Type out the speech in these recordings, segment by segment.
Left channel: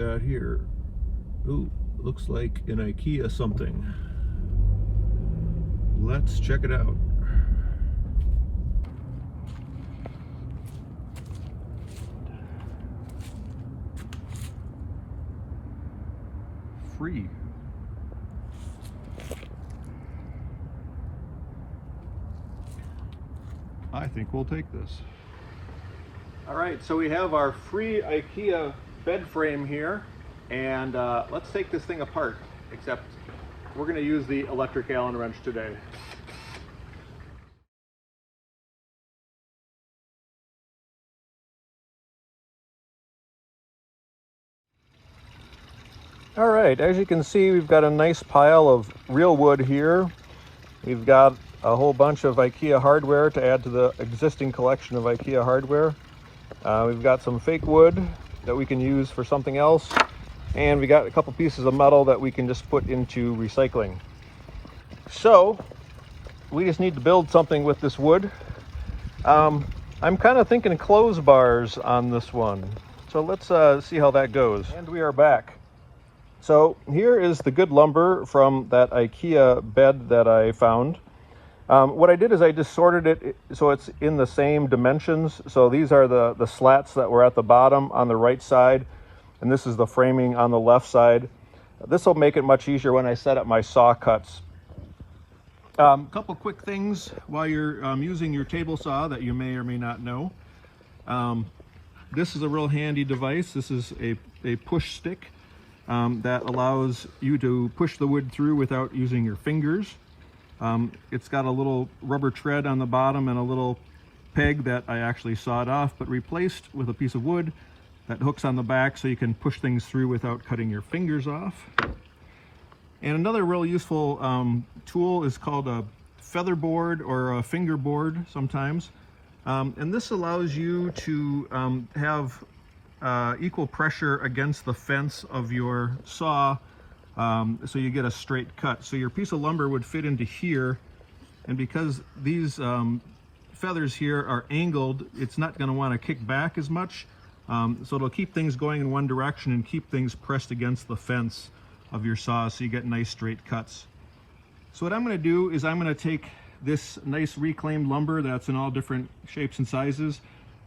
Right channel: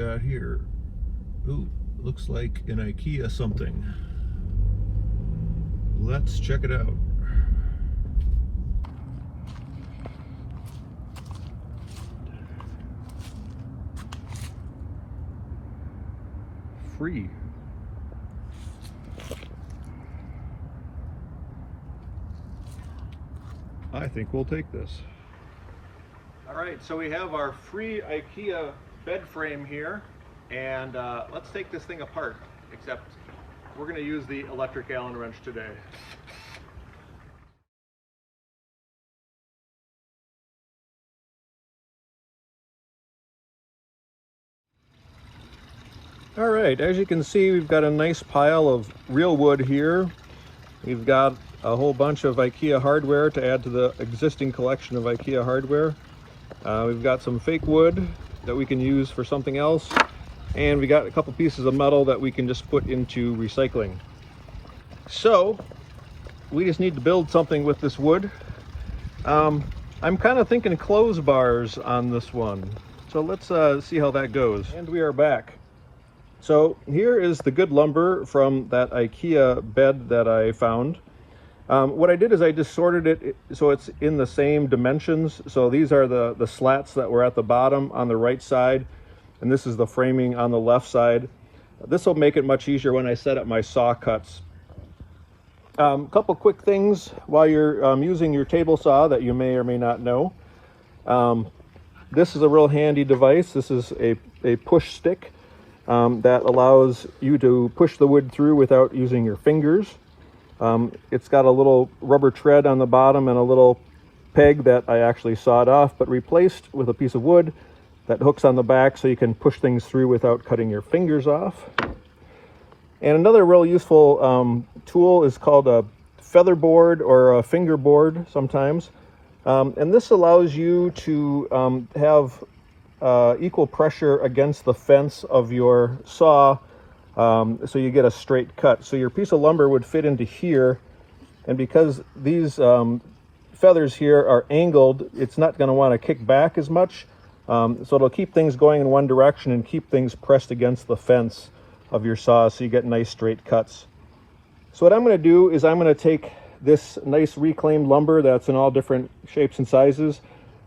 got here? Ooh, looks like an IKEA something. Let's check it out. Free. I think we'll take this. All right, so we have our free IKEA bed frame here, and let's take this thing apart, except we're going to use the electric Allen wrench today. All right, as you can see, we've got a nice pile of real wood here. We've got a whole bunch of IKEA hardware to add to the existing collection of IKEA hardware. We've got some fake wood that we can use for something else, and we got a couple pieces of metal that we can just put into recycling. So we just need to build something with this wood. I'm kind of thinking clothes bars on this one, so let's see how that goes. And we are back. So here is the good lumber from that IKEA bed that I found. What I did is I just sorted it so it's in the same dimensions. So these are the slats that were at the bottom on the right side, and this is the framing on the left side. This will make it much easier when I set up my saw cuts. Couple quick things while you're using your table saw that you may or may not know. This is a real handy device. This is a push stick that allows you to push the wood through without using your fingers. It's got a little rubber tread on the bottom and a little peg that I actually sawed off but replaced with a piece of wood that hooks on the back so you can push things through without cutting your fingers off. And another real useful tool is called a feather board or a finger board sometimes. And this allows you to have equal pressure against the fence of your saw, so you get a straight cut. So your piece of lumber would fit into here, and because these feathers here are angled, it's not going to want to kick back as much, so it'll keep things going in one direction and keep things pressed against the fence of your saw so you get nice straight cuts. So what I'm going to do is I'm going to take this nice reclaimed lumber that's in all different shapes and sizes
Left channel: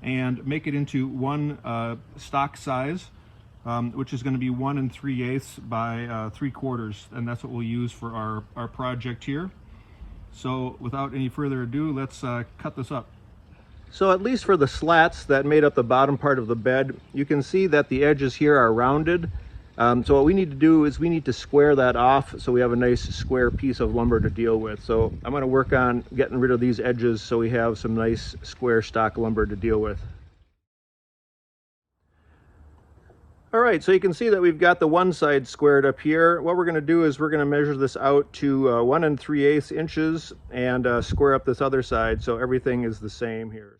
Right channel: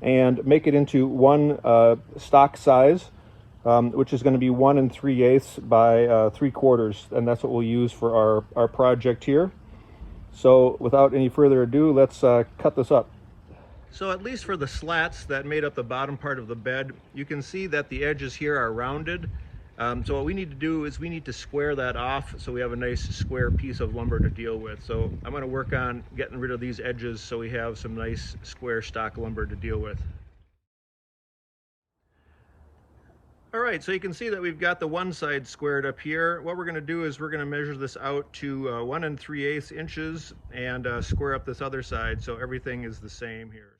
and make it into one stock size, which is going to be 1 3/8 by 3/4, and that's what we'll use for our project here. So without any further ado, let's cut this up. So at least for the slats that made up the bottom part of the bed, you can see that the edges here are rounded. So what we need to do is we need to square that off so we have a nice square piece of lumber to deal with. So I'm going to work on getting rid of these edges so we have some nice square stock lumber to deal with. All right, so you can see that we've got the one side squared up here. What we're going to do is we're going to measure this out to 1 3/8 inches and square up this other side so everything is the same here.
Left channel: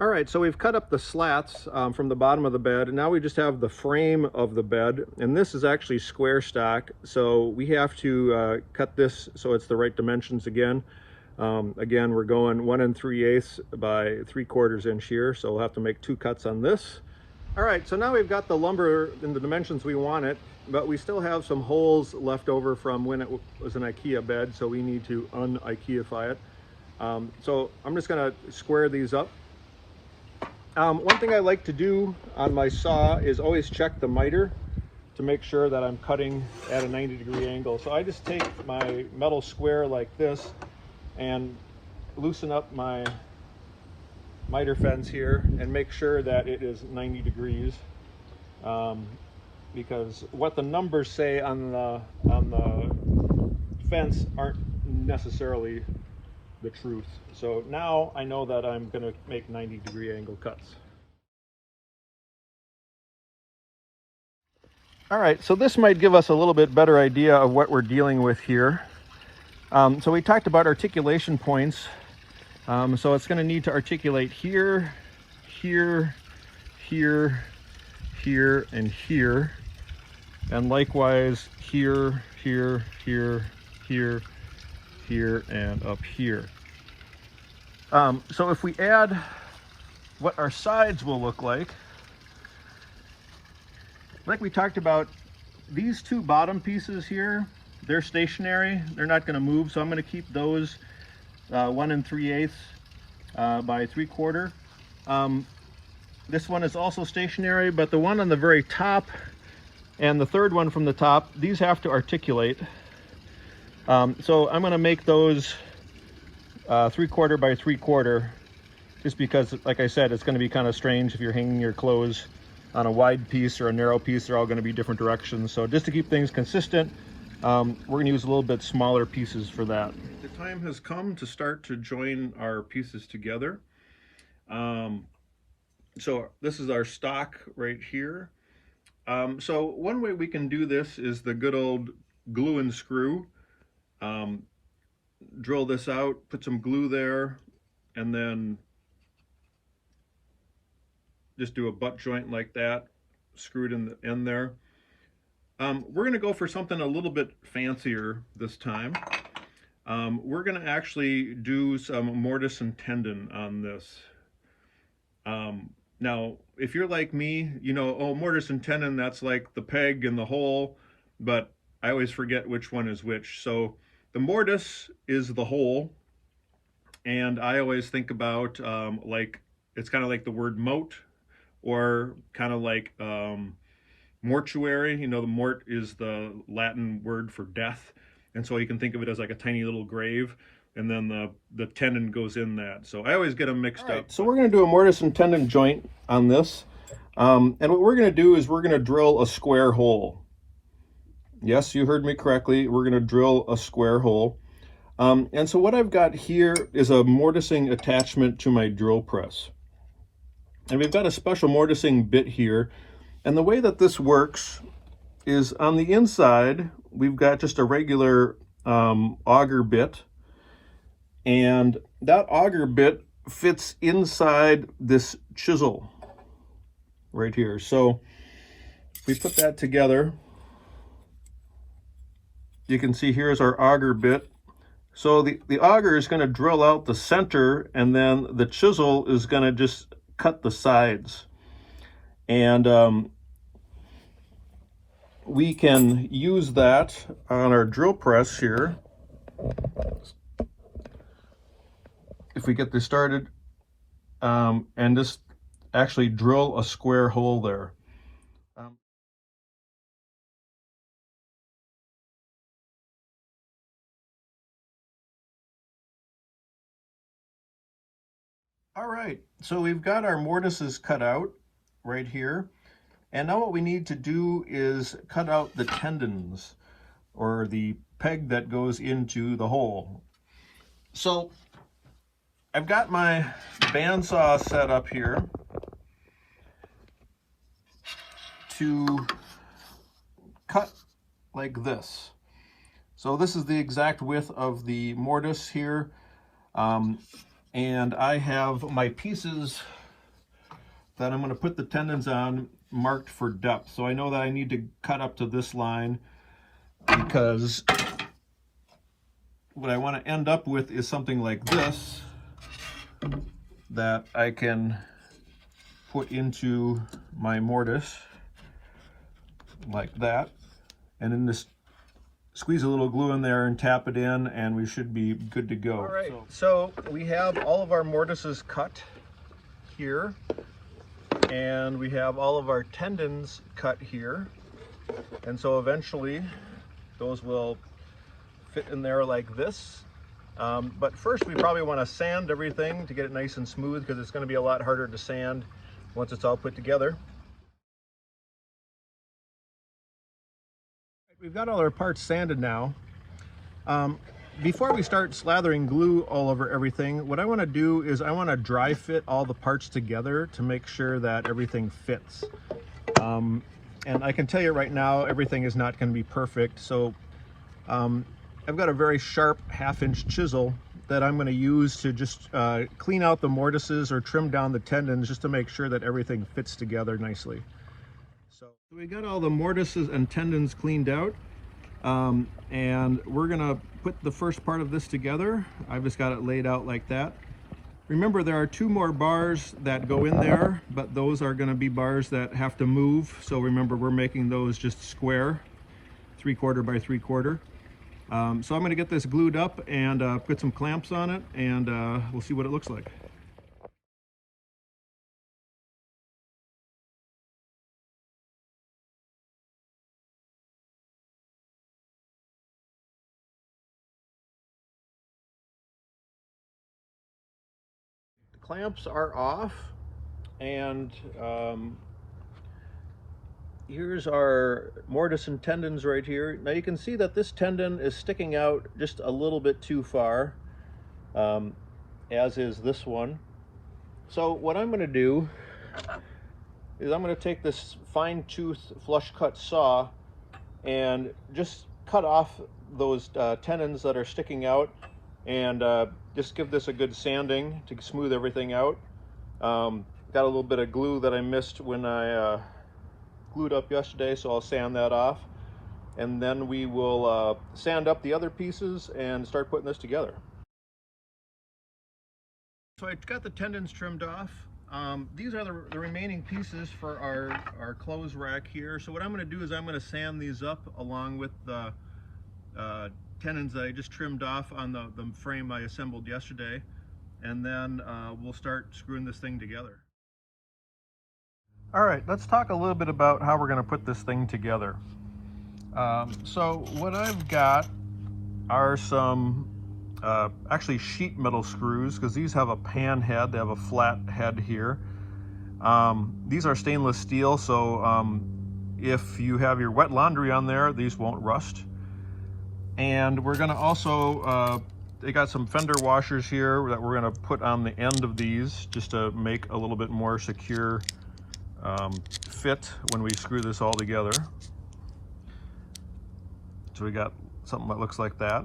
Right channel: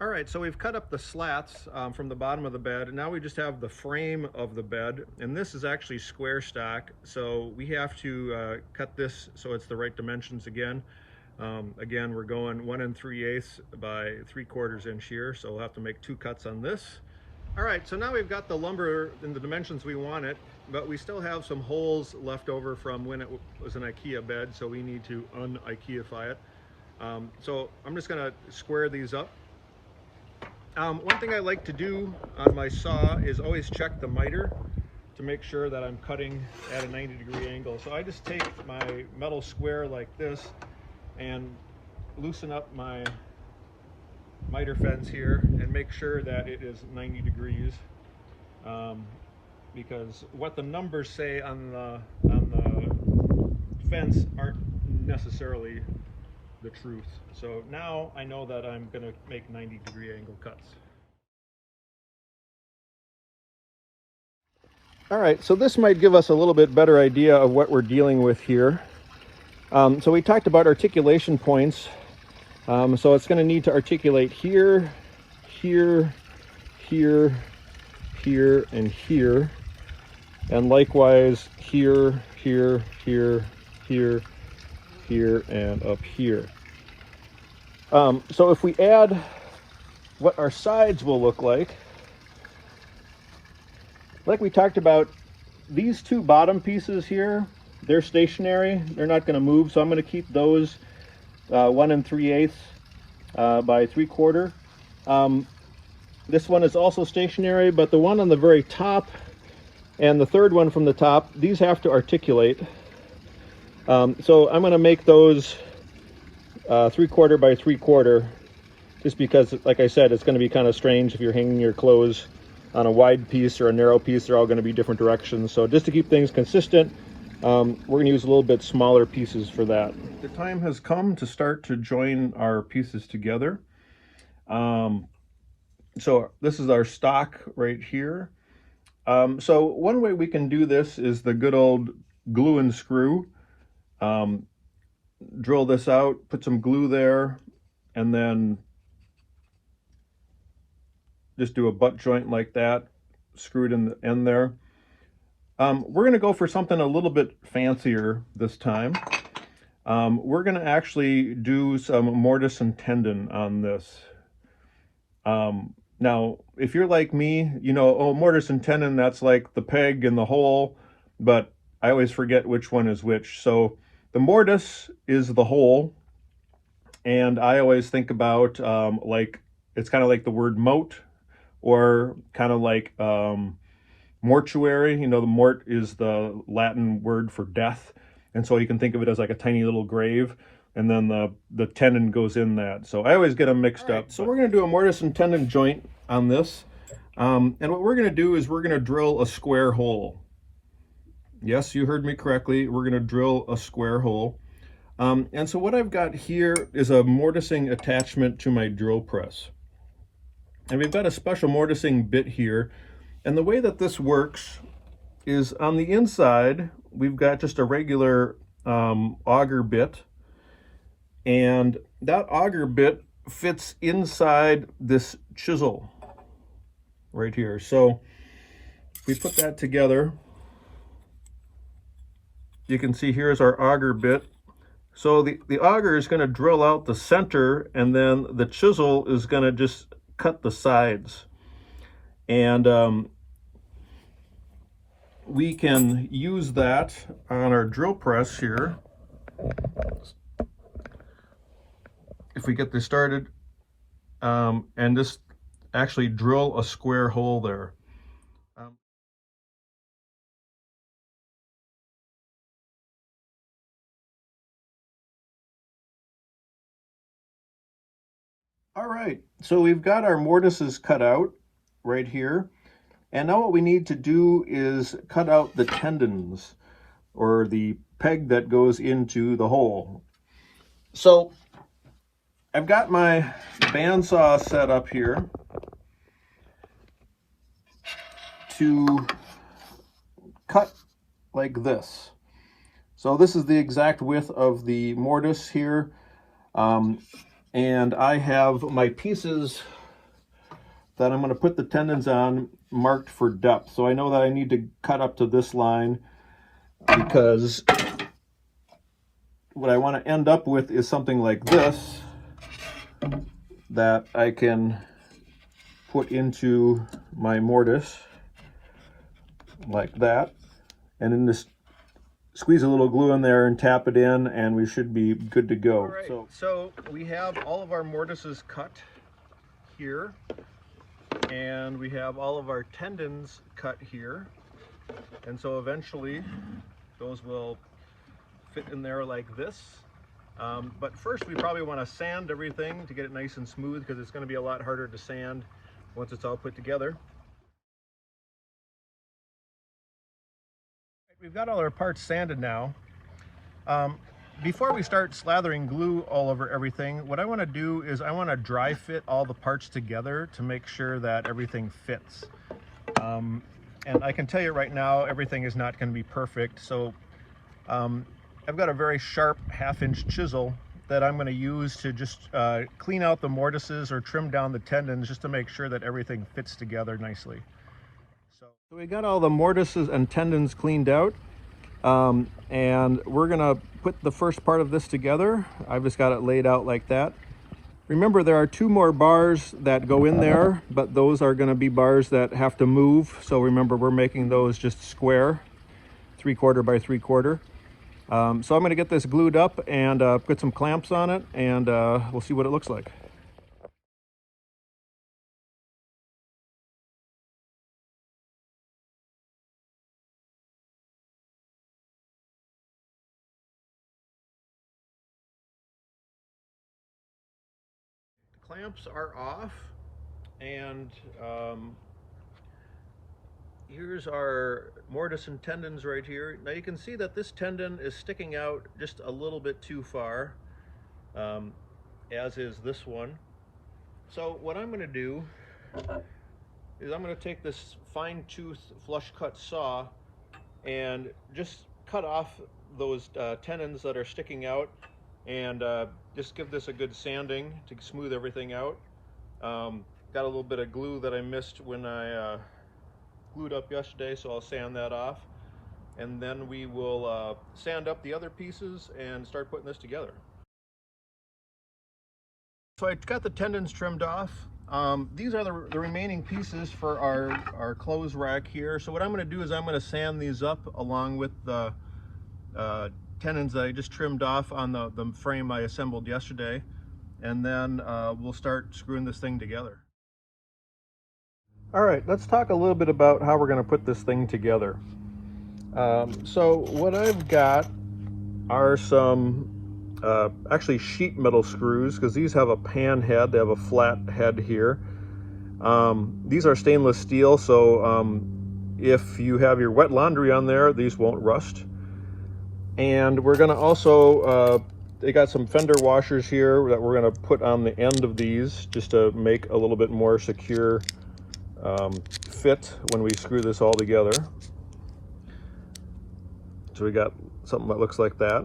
All right, so we've cut up the slats from the bottom of the bed, and now we just have the frame of the bed, and this is actually square stock, so we have to cut this so it's the right dimensions again. Again, we're going 1 3/8 by 3/4 inch here, so we'll have to make 2 cuts on this. All right, so now we've got the lumber in the dimensions we want it, but we still have some holes left over from when it was an IKEA bed, so we need to un-IKEAfy it. So I'm just gonna square these up. One thing I like to do on my saw is always check the miter to make sure that I'm cutting at a 90-degree angle. So I just take my metal square like this and loosen up my miter fence here and make sure that it is 90 degrees, because what the numbers say on the fence aren't necessarily the truth. So now I know that I'm going to make 90-degree angle cuts. All right, so this might give us a little bit better idea of what we're dealing with here. So we talked about articulation points. So it's going to need to articulate here, here, here, here, and here. And likewise here, here, here, here, here, and up here. So if we add what our sides will look like we talked about, these two bottom pieces here, they're stationary, they're not going to move, so I'm going to keep those 1 3/8 by 3/4. This one is also stationary, but the one on the very top and the third one from the top, these have to articulate. So I'm going to make those 3/4 by 3/4, just because, like I said, it's going to be kind of strange if you're hanging your clothes on a wide piece or a narrow piece. They're all going to be different directions. So just to keep things consistent, we're going to use a little bit smaller pieces for that. The time has come to start to join our pieces together. So this is our stock right here. So one way we can do this is the good old glue and screw. Drill this out, put some glue there, and then just do a butt joint like that, screw it in the end there. We're going to go for something a little bit fancier this time. We're going to actually do some mortise and tenon on this. Now, if you're like me, you know, oh, mortise and tenon, that's like the peg and the hole, but I always forget which one is which. So the mortise is the hole, and I always think about like, it's kind of like the word moat, or kind of like mortuary. You know, the mort is the Latin word for death, and so you can think of it as like a tiny little grave, and then the tenon goes in that. So I always get them mixed up. So we're going to do a mortise and tenon joint on this, and what we're going to do is we're going to drill a square hole. Yes, you heard me correctly. We're going to drill a square hole. And so what I've got here is a mortising attachment to my drill press. And we've got a special mortising bit here. And the way that this works is on the inside, we've got just a regular auger bit. And that auger bit fits inside this chisel right here. So we put that together. You can see here's our auger bit. So the auger is going to drill out the center, and then the chisel is going to just cut the sides. And we can use that on our drill press here. If we get this started, and just actually drill a square hole there. All right, so we've got our mortises cut out right here. And now what we need to do is cut out the tendons, or the peg that goes into the hole. So I've got my bandsaw set up here to cut like this. So this is the exact width of the mortise here. And I have my pieces that I'm going to put the tendons on marked for depth. So I know that I need to cut up to this line, because what I want to end up with is something like this that I can put into my mortise like that, and then just squeeze a little glue in there and tap it in, and we should be good to go. All right, so we have all of our mortises cut here, and we have all of our tendons cut here, and so eventually those will fit in there like this. But first we probably want to sand everything to get it nice and smooth, because it's going to be a lot harder to sand once it's all put together. We've got all our parts sanded now. Before we start slathering glue all over everything, what I want to do is I want to dry fit all the parts together to make sure that everything fits. And I can tell you right now, everything is not going to be perfect. So I've got a very sharp 1/2-inch chisel that I'm going to use to just clean out the mortises or trim down the tendons, just to make sure that everything fits together nicely. So we got all the mortises and tendons cleaned out, and we're gonna put the first part of this together. I've just got it laid out like that. Remember, there are 2 more bars that go in there, but those are going to be bars that have to move. So remember, we're making those just square, 3/4 by 3/4. So I'm going to get this glued up and put some clamps on it, and we'll see what it looks like. The clamps are off, and here's our mortise and tendons right here. Now you can see that this tendon is sticking out just a little bit too far, as is this one. So what I'm going to do is I'm going to take this fine tooth flush cut saw and just cut off those tendons that are sticking out, and just give this a good sanding to smooth everything out. Got a little bit of glue that I missed when I glued up yesterday, so I'll sand that off, and then we will sand up the other pieces and start putting this together. So I got the tendons trimmed off. These are the remaining pieces for our clothes rack here. So what I'm going to do is I'm going to sand these up along with the tendons that I just trimmed off on the frame I assembled yesterday, and then we'll start screwing this thing together. All right, let's talk a little bit about how we're going to put this thing together. So what I've got are some actually sheet metal screws, because these have a pan head, they have a flat head here. These are stainless steel, so if you have your wet laundry on there, these won't rust. And we're going to also, they got some fender washers here that we're going to put on the end of these just to make a little bit more secure fit when we screw this all together. So we got something that looks like that.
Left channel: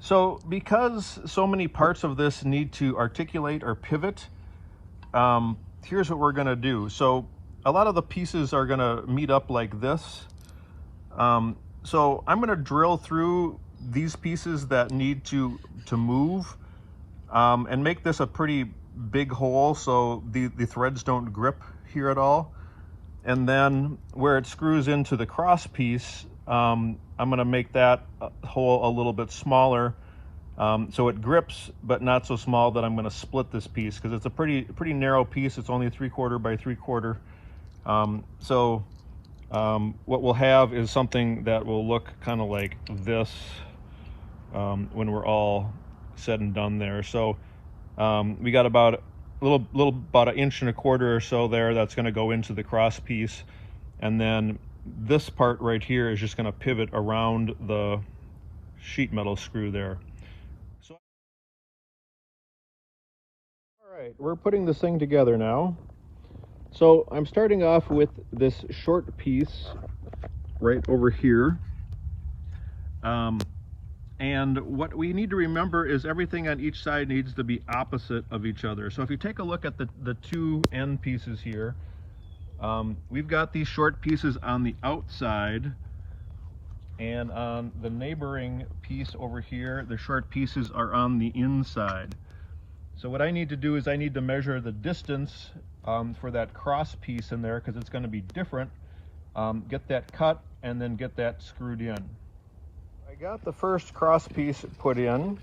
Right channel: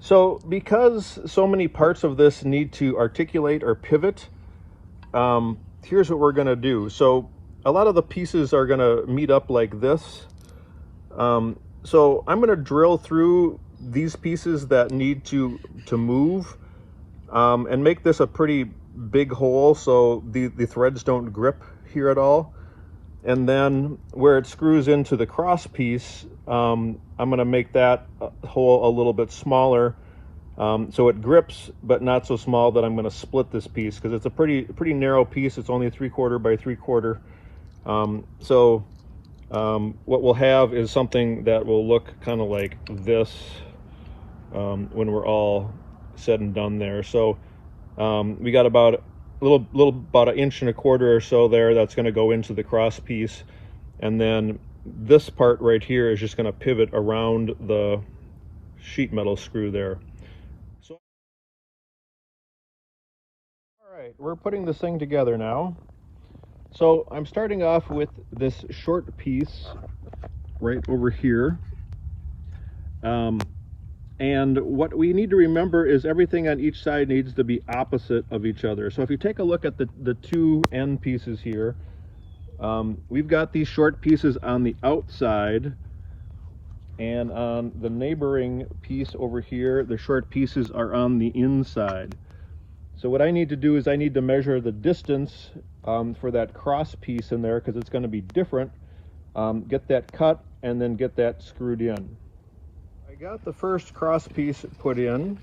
So because so many parts of this need to articulate or pivot, here's what we're going to do. So a lot of the pieces are going to meet up like this. So I'm going to drill through these pieces that need to move, and make this a pretty big hole so the threads don't grip here at all. And then where it screws into the cross piece, I'm going to make that hole a little bit smaller, so it grips, but not so small that I'm going to split this piece, because it's a pretty narrow piece. It's only 3/4 by 3/4. What we'll have is something that will look kind of like this when we're all said and done there. So we got about about 1.25 inches or so there that's going to go into the cross piece, and then this part right here is just going to pivot around the sheet metal screw there. So, all right, we're putting this thing together now. So I'm starting off with this short piece right over here. And what we need to remember is everything on each side needs to be opposite of each other. So if you take a look at the 2 end pieces here, we've got these short pieces on the outside, and on the neighboring piece over here, the short pieces are on the inside. So what I need to do is I need to measure the distance for that cross piece in there, because it's going to be different. Get that cut and then get that screwed in. I got the first cross piece put in.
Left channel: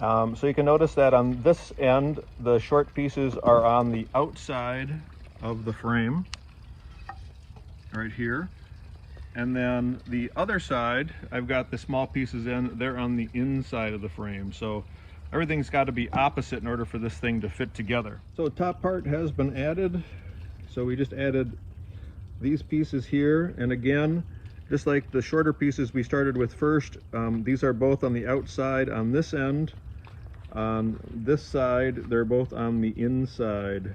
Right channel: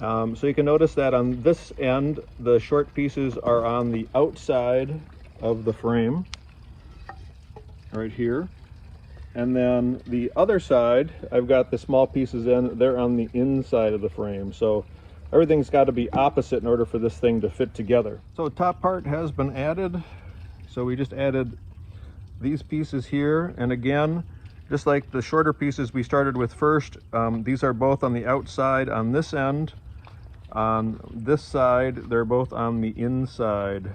So you can notice that on this end, the short pieces are on the outside of the frame, right here. And then the other side, I've got the small pieces in, they're on the inside of the frame. So everything's got to be opposite in order for this thing to fit together. So the top part has been added. So we just added these pieces here, and again, just like the shorter pieces we started with first, these are both on the outside on this end. On this side, they're both on the inside.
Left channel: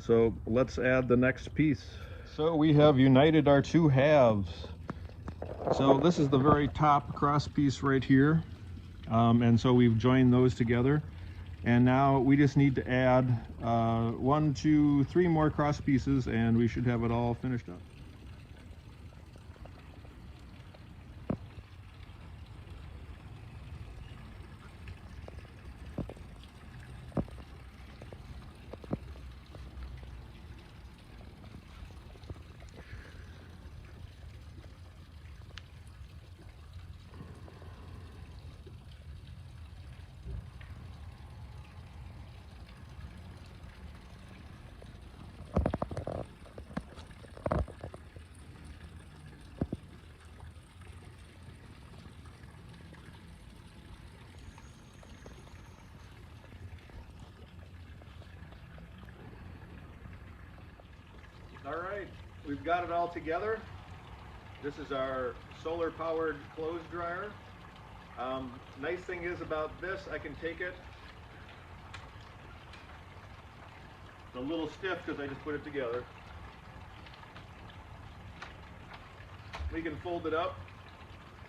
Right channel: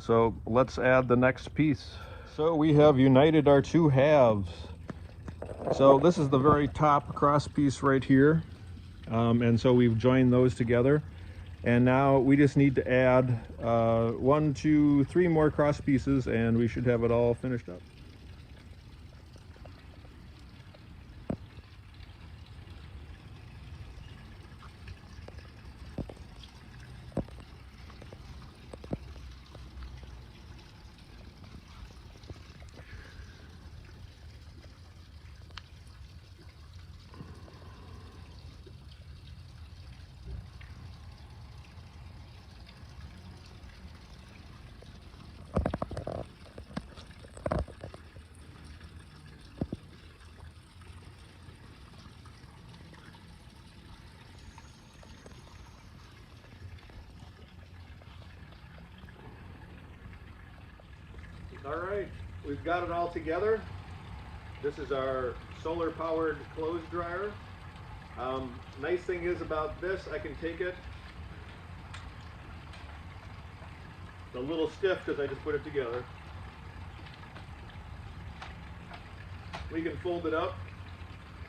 So let's add the next piece. So we have united our 2 halves. So this is the very top cross piece right here. And so we've joined those together. And now we just need to add 1, 2, 3 more cross pieces, and we should have it all finished up. All right, we've got it all together. This is our solar powered clothes dryer. Nice thing is about this, I can take it. It's a little stiff because I just put it together. We can fold it up,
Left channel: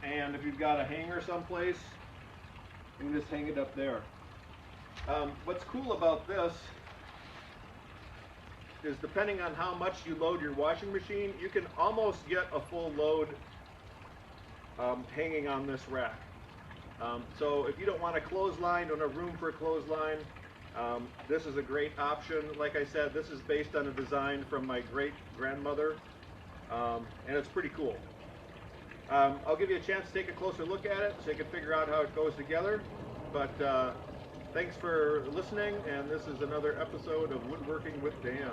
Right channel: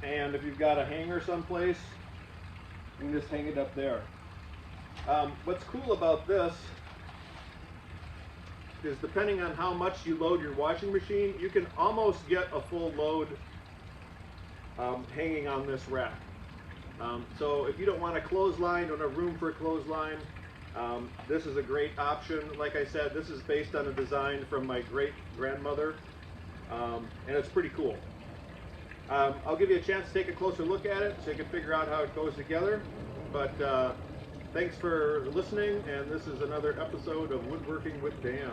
and if you've got a hanger someplace, you can just hang it up there. What's cool about this is depending on how much you load your washing machine, you can almost get a full load hanging on this rack. So if you don't want a clothesline, don't have room for a clothesline, this is a great option. Like I said, this is based on a design from my great grandmother, and it's pretty cool. I'll give you a chance to take a closer look at it so you can figure out how it goes together. But thanks for listening, and this is another episode of Woodworking with Dan.